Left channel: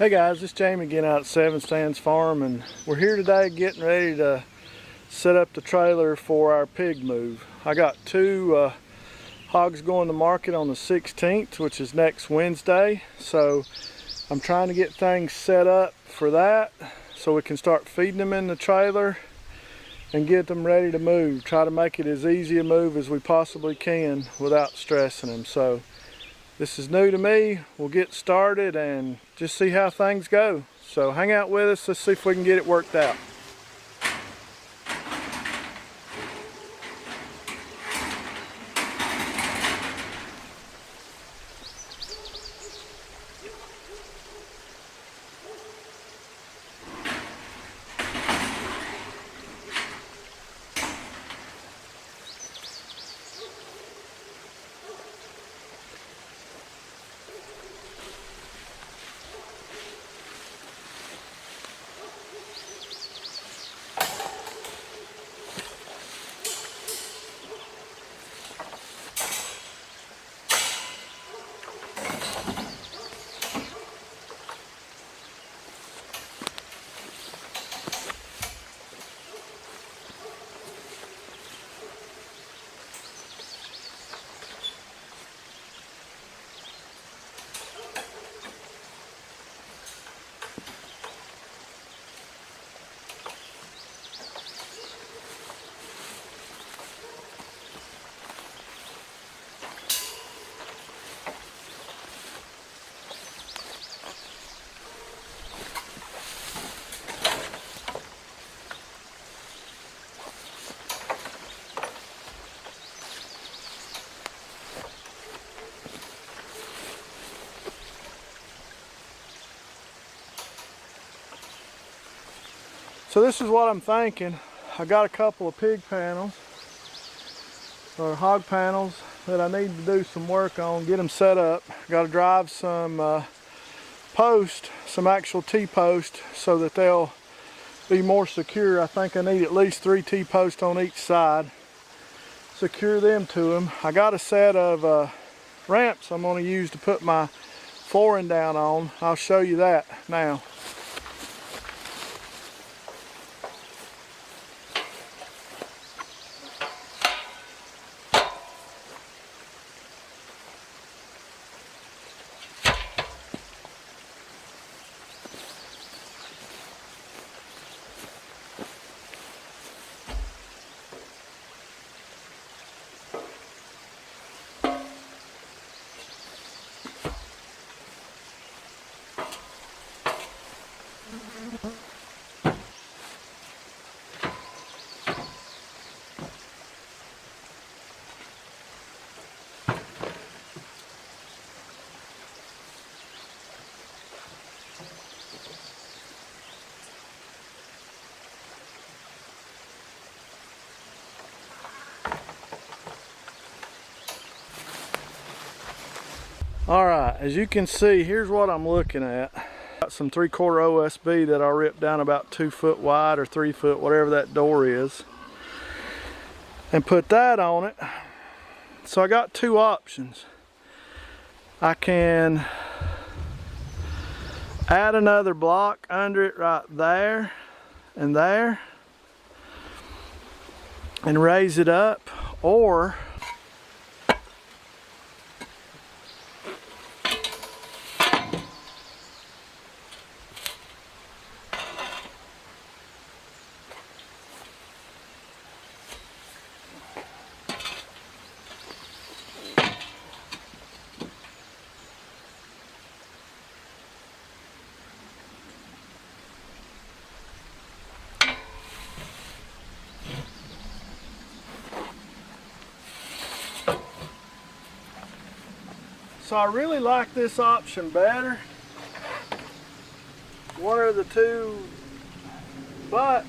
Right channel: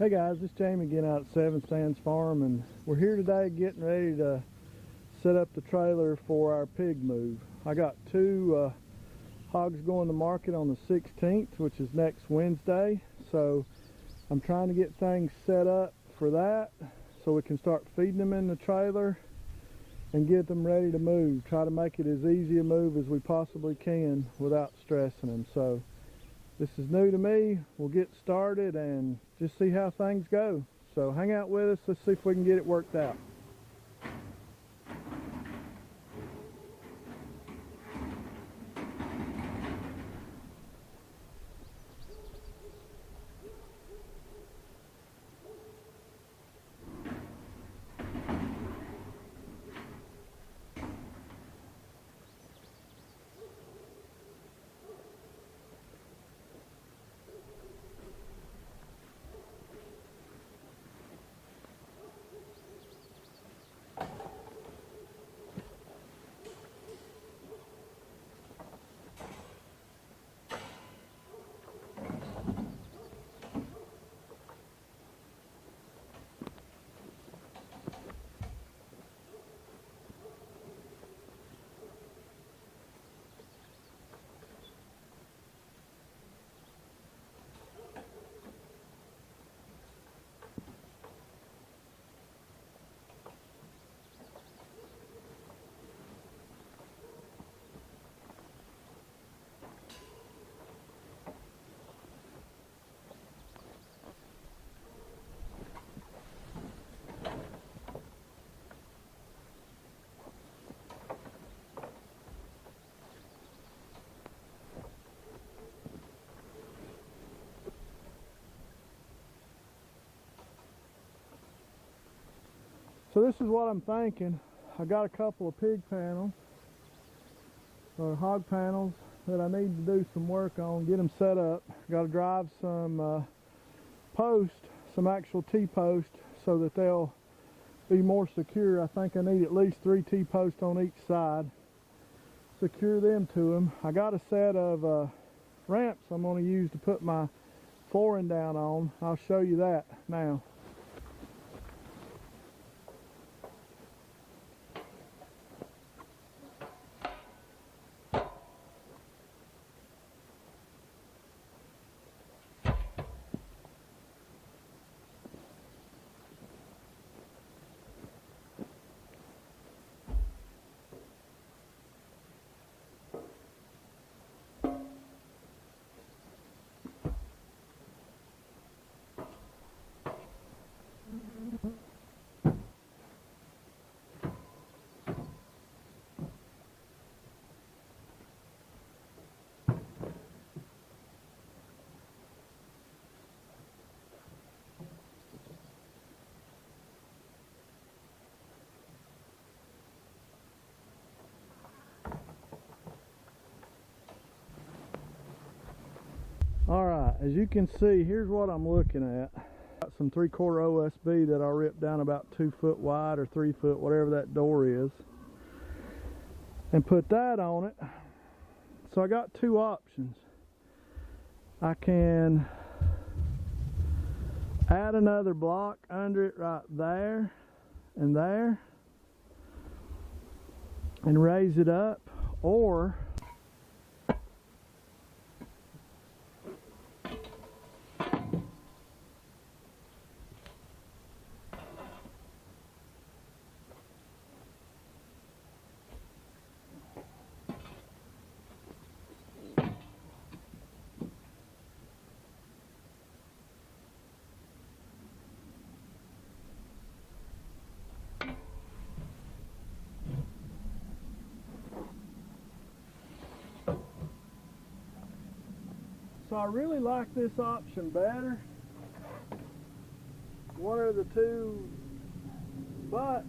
Hey guys, it's Jamie again out at Seven Stands Farm, and we're here today getting ready to set up the trailer for our pig move. I got two hogs going to market on the 16th, which is next Wednesday, so I'm trying to get things set up for that so we can start feeding them in the trailer and get them ready to move. Try to make it as easy a move as we possibly can without stressing them. So this is new to me. We'll get started and just see how things go. So hang out with us. Let's see if we can get it worked out. So this is what I'm thinking. I got a couple of pig panels or hog panels that I need to do some work on, get them set up. Got to drive some post, some actual T-post, so that they'll be more secure. I think I need at least 3 T-posts on each side. Secure them to them. I got a set of ramps I'm going to use to put my flooring down on. I'll show you that now. Alright, as you can see, here's what I'm looking at. Got some 3/4 OSB that I ripped down about 2 foot wide or 3 foot, whatever that door is, and put that on it. So I got two options. I can add another block under it right there and raise it up, or so I really like this option better, one of the two, but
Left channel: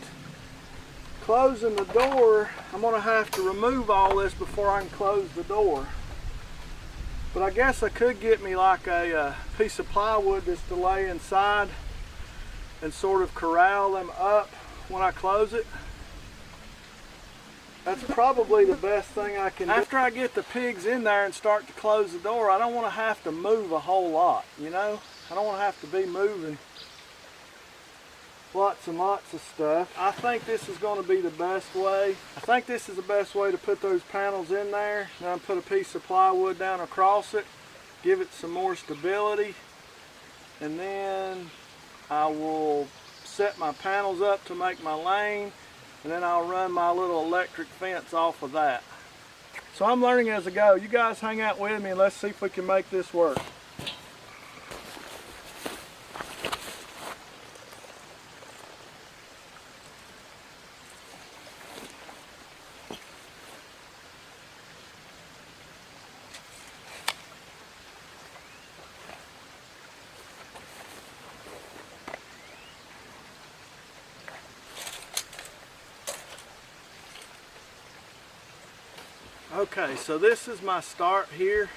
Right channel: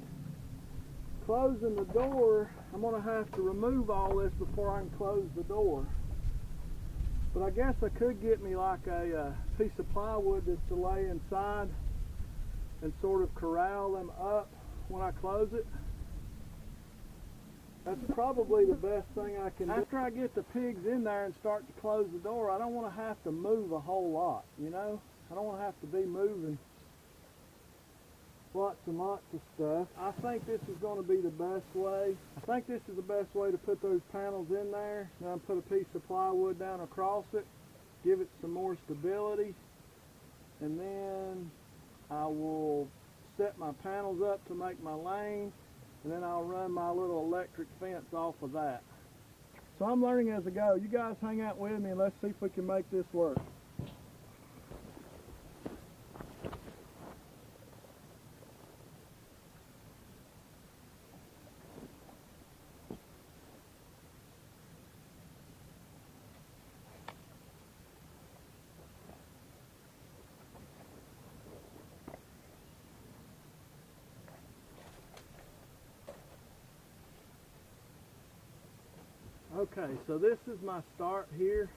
closing the door, I'm going to have to remove all this before I can close the door. But I guess I could get me like a piece of plywood that's to lay inside and sort of corral them up when I close it. That's probably the best thing I can do. After I get the pigs in there and start to close the door, I don't want to have to move a whole lot, you know? I don't want to have to be moving lots and lots of stuff. I think this is going to be the best way. I think this is the best way to put those panels in there. Then put a piece of plywood down across it, give it some more stability, and then I will set my panels up to make my lane, and then I'll run my little electric fence off of that. So I'm learning as I go. You guys hang out with me and let's see if we can make this work. Okay, so this is my start here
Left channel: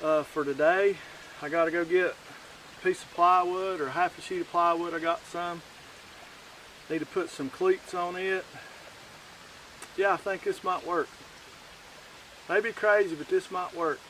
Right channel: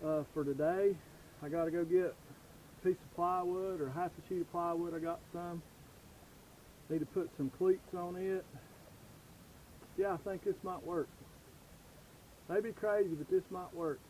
for today. I got to go get a piece of plywood or half a sheet of plywood. I got some. Need to put some cleats on it. Yeah, I think this might work. Maybe crazy, but this might work.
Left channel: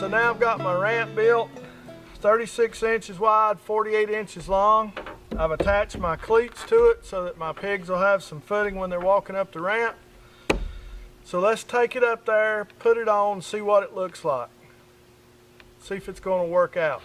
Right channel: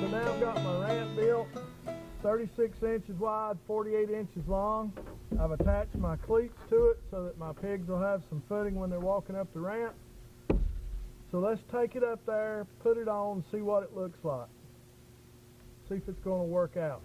So now I've got my ramp built, 36 inches wide, 48 inches long. I've attached my cleats to it so that my pigs will have some footing when they're walking up the ramp. So let's take it up there, put it on, see what it looks like. See if it's going to work out.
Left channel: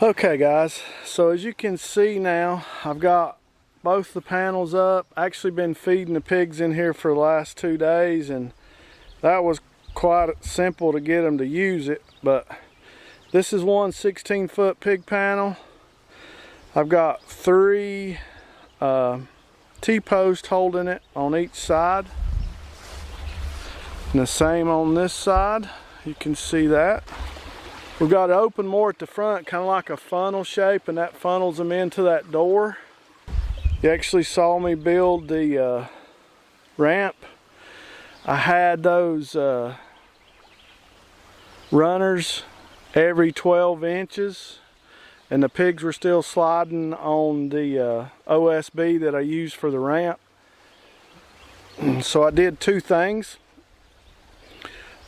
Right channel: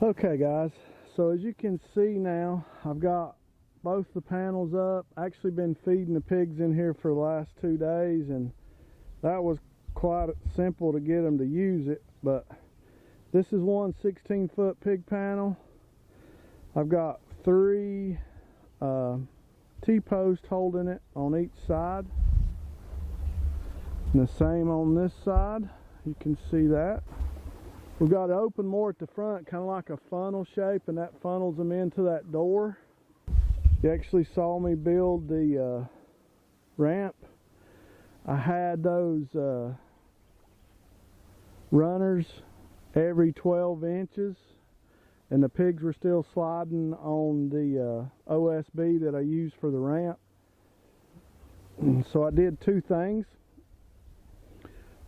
Okay guys, so as you can see now, I've got both the panels up. Actually been feeding the pigs in here for the last 2 days, and that was quite simple to get them to use it. But this is one 16-foot pig panel. I've got 3 T-posts holding it on each side. And the same on this side. You can see that. We've got it open more at the front, kind of like a funnel shape, and that funnels them into that door. You actually saw me build the ramp. I had those runners every 12 inches, and the pigs were still sliding on the OSB that I used for the ramp. So I did 2 things.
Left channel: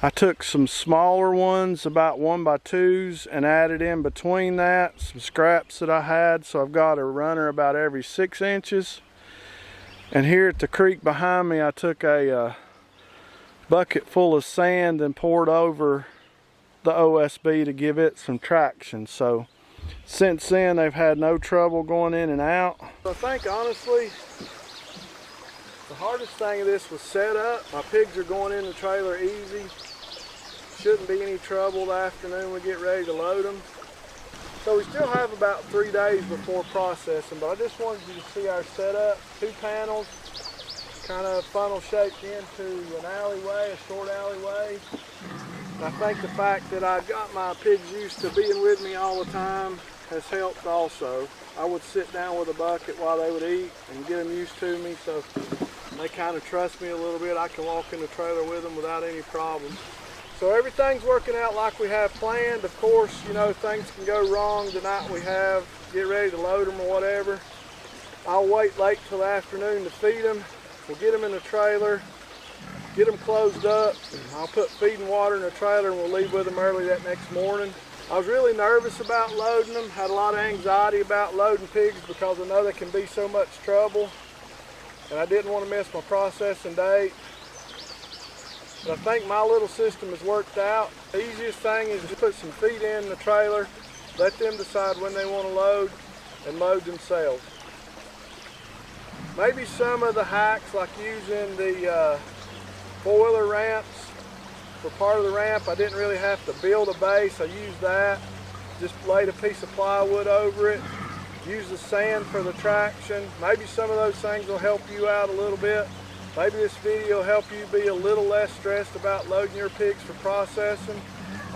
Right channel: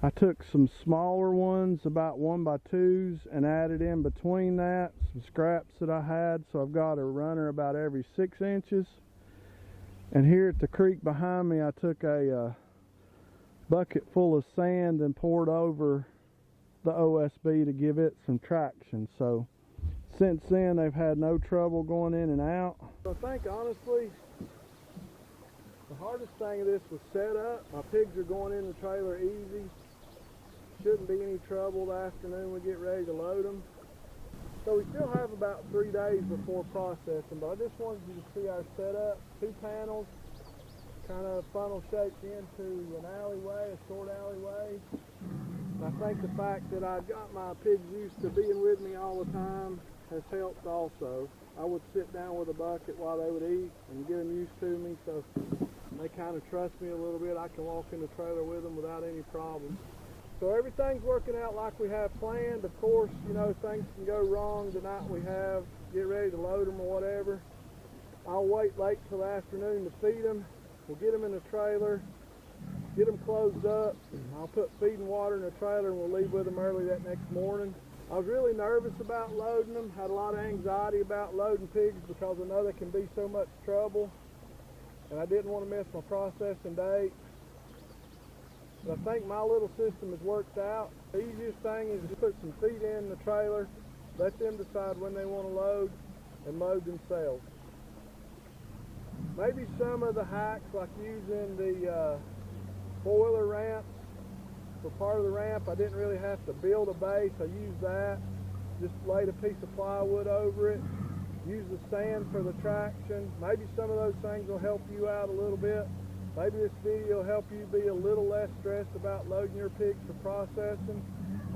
I took some smaller ones, about 1x2s, and added in between that some scraps that I had. So I've got a runner about every 6 inches. And here at the creek behind me, I took a bucket full of sand and poured over the OSB to give it some traction. So since then, they've had no trouble going in and out. I think honestly, the hardest thing of this was setup. My pigs are going in the trailer easy. Shouldn't be any trouble the afternoon we get ready to load them. So we still have about 3 days before processing, but I just wanted you to see our setup. 2 panels, kind of funnel shaped into an alleyway, a short alleyway. And I think the fact that I got my pigs used to being with me all the time has helped also. I would sit down with a bucket while they would eat and get them used to me, so they kind of trust me a little bit. I can walk in the trailer with them without any problems. So everything's working out like we have planned. Of course, you know, things can go wrong the night we have, get ready to load them or whatever. I'll wait late till the afternoon to feed them. We'll get them in the trailer, get them closed up. I'll put feed and water in the trailer and we'll leave with them early that next morning. I was really nervous about loading them, had a lot of anxiety about loading pigs because I know they can be so much trouble. And I didn't want to miss my processing date. But I think my little system has worked out. The easiest thing is to put some feed in the trailer, let them decide when they want to load, and load themselves. Maybe some of the hacks, like using the foiler ramps for part of the ramp, I didn't really have to build a base. I used that, just laid a piece of plywood over it, use the sand for the traction. Maybe some of those things will help you out a little bit. Maybe this video will help you be a little less stressed about loading your pigs for processing.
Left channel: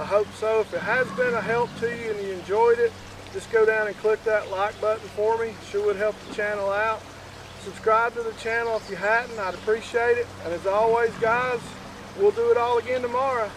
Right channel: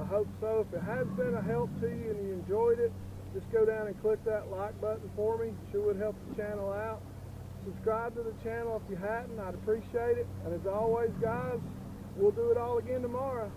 I hope so. If it has been a help to you and you enjoyed it, just go down and click that like button for me. Sure would help the channel out. Subscribe to the channel if you hadn't. I'd appreciate it. And as always, guys, we'll do it all again tomorrow.